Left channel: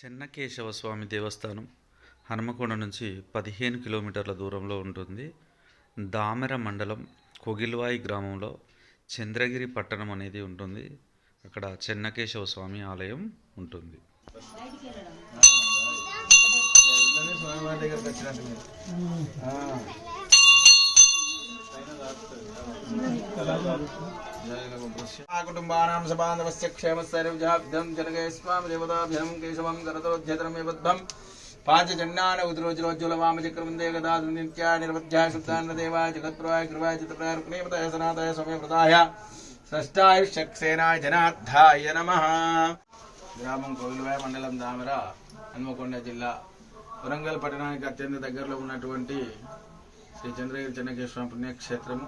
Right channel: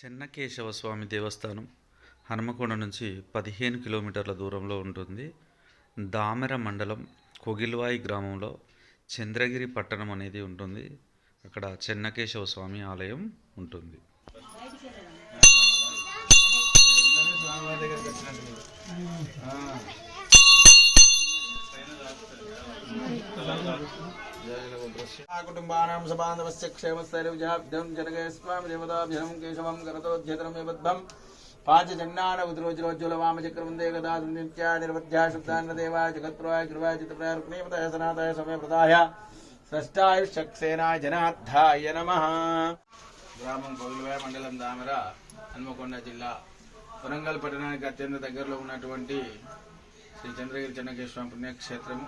చెన్నకేశవ స్వామి దేవస్థానం హనుమకొండ నుంచి 15 కిలోమీటర్ల దూరంలో ఉంటుంది. దామెర మండలం కోగిల్వాయి గ్రామంలో చంద్రగిరి పట్టణం అనేది ఉంటుంది. అక్కడ చెన్నకేశవ స్వామి ఆలయం ఉంటుంది. కుటుంబానాం సబాంధవస్య క్షేమస్థైర్యజాభ్యం జనకేస్వామి దేవతాభ్యం కేశవం కరతోజ్జతరమేబద్ధం పాంచజన్యాన ఉద్రోజ్రోజ్వల వామచక్రవందే గదా నిత్యా నిర్వధ్యా శుద్ధాన్న దేవాయ జగత్ప్రవాయ కృపాయ చిత్తప్రయారుకునేమతాయ సనాతాయ సమయప్రదాయ స్రష్టాయుష్యక్సేనాయ జనార్థాయ నమః. గ్రామం కోగిల్వాయ, మండలం దామెర, హన్మకొండ జిల్లా, వరంగల్ పట్టణానికి అత్యంత దగ్గరలో ఉన్నటువంటి శ్రీ చంద్రగిరి చెన్నకేశ్వర పుణ్యక్షేత్రము.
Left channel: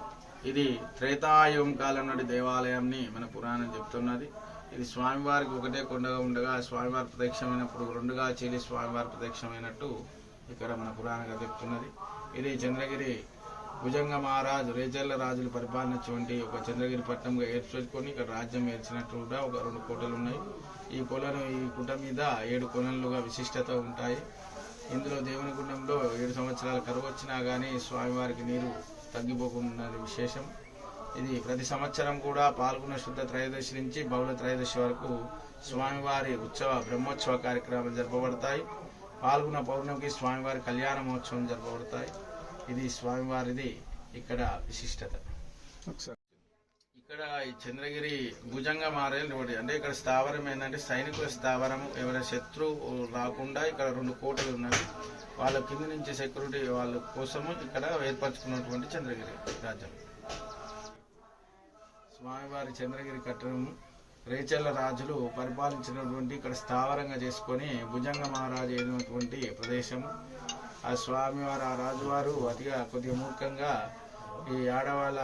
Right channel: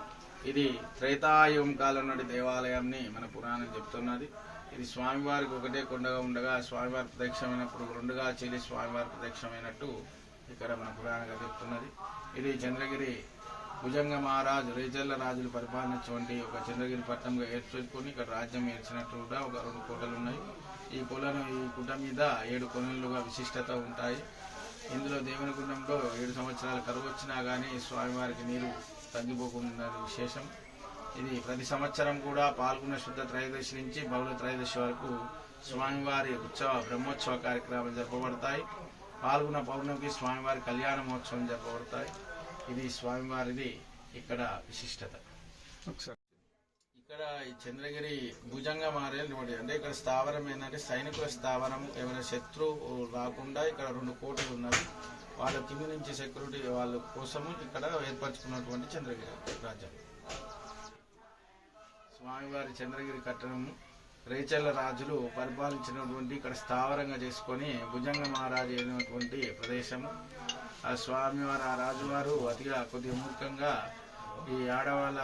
ఇది త్రేతాయుగం కాలం నాటి దేవాలయాన్ని మన పురాణం చెప్తున్నది. ఇది స్వామివారికి ఒకటే కొండగా ఉండగా స్వామివారి ప్రత్యక్షమైనప్పుడు రెండుగా చేరి స్వామివారి ప్రత్యక్షమైనట్టు ఇక్కడ మన పురాణంగా చెప్తున్నది. ఇది చంద్రగిరి భుజంగ మహారాజు రేచర్ల రాజులు పరిపాలించినటువంటి ఒక చంద్రగిరి పట్టణంగా ఏర్చుకొని ఇక్కడ రాజ్యం ఏర్చినట్టు కూడా ఒక 2 కోటలు ఉన్నాయి. ఈ గుట్ట మీద 7 కొనలుగా విశిష్టత ఉంటాయి. ఇందులో దేవుని గుండంలో 7 సంవత్సరాల కరువు వచ్చినా కానీ స్వామివారికి నీరు తగ్గిపోకుండా విశేషం. ఇది ప్రతి సంవత్సరం కూడా పాల్గొన శుద్ధ త్రయోదశి నుంచి బహుళ త్రయోదశి వరకు స్వామివారి బ్రహ్మోత్సవ కార్యక్రమాలు జరపబడతాయి. పాల్గొన పౌర్ణమికి స్వామివారి కళ్యాణ మహోత్సవం జరపబడతాయి. ఇది స్వామివారిది ఇక్కడ విశిష్టత. ఇక్కడ ఈ చంద్రగిరి భుజంగ మారేలు అంటే ఇక్కడ స్థావరం ఏంటంటే సైనికుల స్థావరం. ఎవరైనా శత్రువు రాకుండా ఇక్కడ 2 కోటలు ఉన్నవి. వాళ్ళ కింద నుంచి సెక్యూరిటీ వాళ్ళ కోసము ఇక్కడ ఏర్పరచుకున్నటువంటి చంద్రగిరి రాజ్యం. స్వామివారి చంద్రగిరి కట్టడము రేచర్ల రాజులు పరిపాలించినటువంటి ఇక్కడ స్థావరంగా చేసుకొని భుజంగ మహారాజు అయినటువంటి ప్రదేశము. ఆ స్వామివారు ఆ రాజువారు కొద్దిగా మూర్ఖంగా ఈ ఆడవాళ్ళ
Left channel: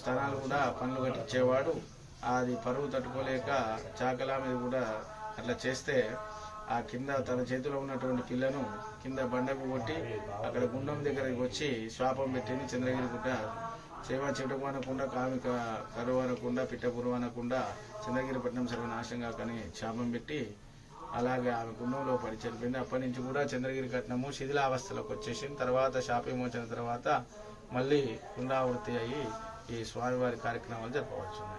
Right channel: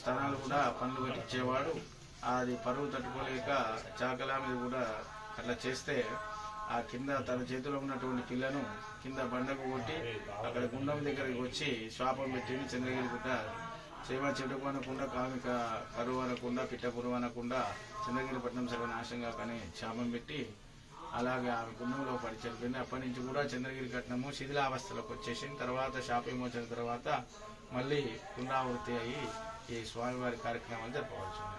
స్థలాలు కూడా పనులు కట్టించేవాడు. అది పరువు తట్టుకోలేక చాకలా మీద కూడా అట్లా చేస్తే ఆ కింద తన చేతిలో ఉన్నటువంటి పిల్లను కింద బండకు కొట్టి అక్కడ గుండం దగ్గరికి వచ్చి శాపం పెట్టింది. చంద్రగిరి గుట్ట చేమ చెడుకు అనకుండా, కామిక కరువు అనకుండా, పిట్టపురువు అనకుండా చంద్రగిరి పట్టణం సర్వనాశంగా కానీ శాపం పెట్టి అలాగే ఆమె గుండంలో పడి చనిపోయింది. అప్పటి నుంచి కూడా చంద్రగిరి పట్టణము శిథిలావస్థలోకి వచ్చేసింది. తర్వాత శాప విమోచన తర్వాత మళ్ళీ పునరావృత్తి అయ్యి ఈ స్వామివారి కార్యక్రమాలు జరపవచ్చున్నాయి.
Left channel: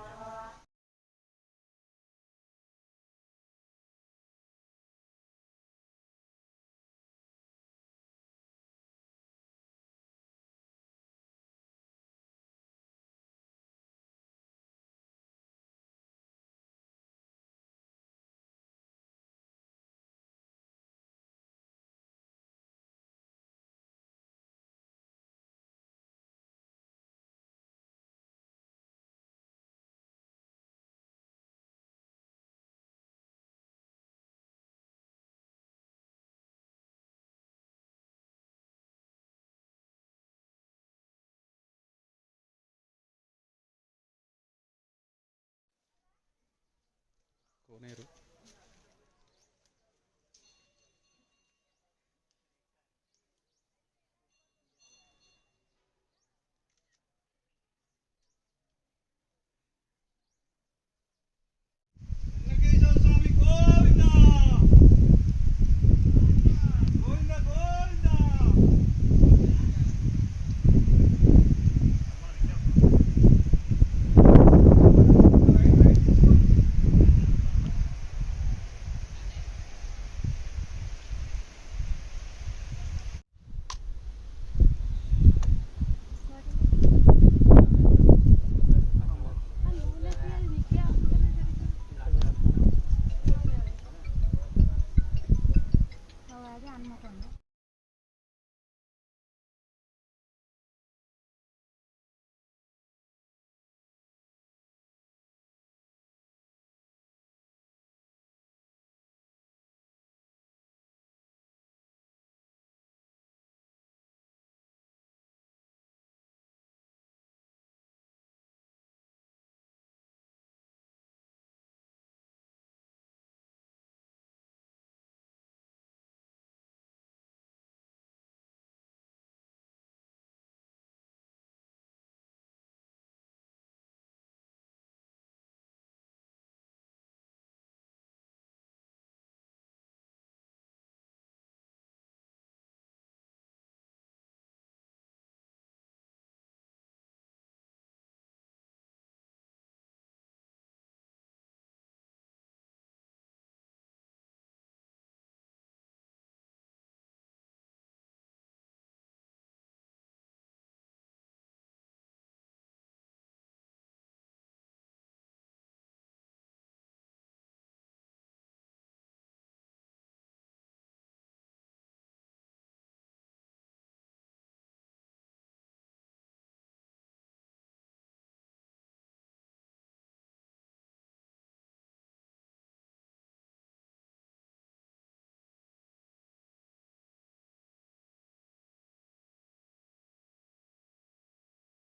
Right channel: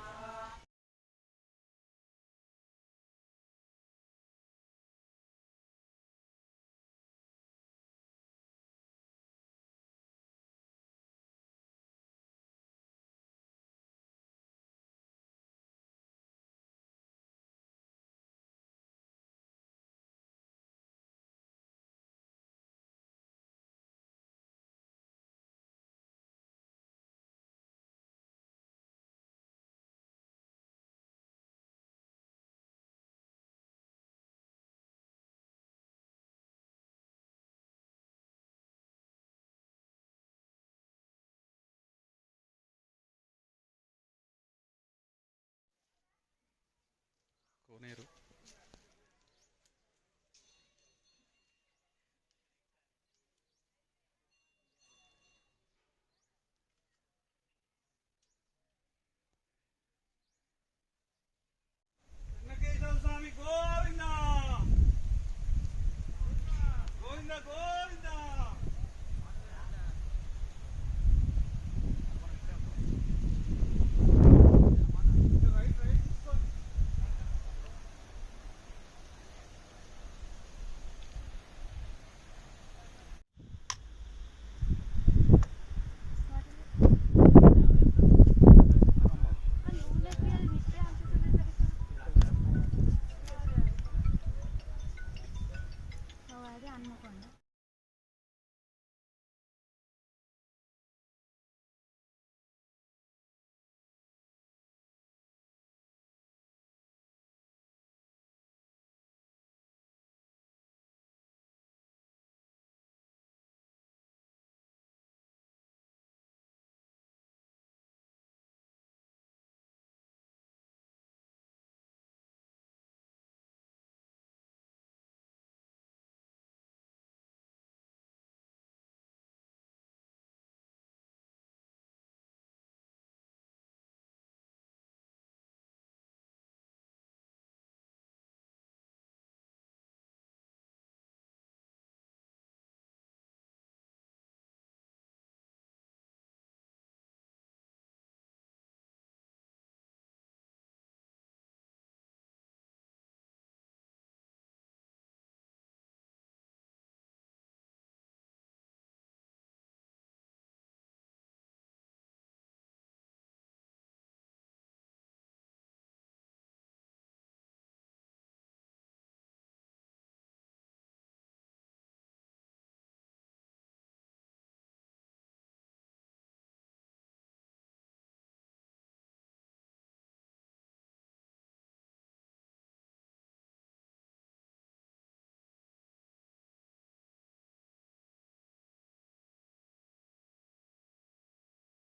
కోనేరు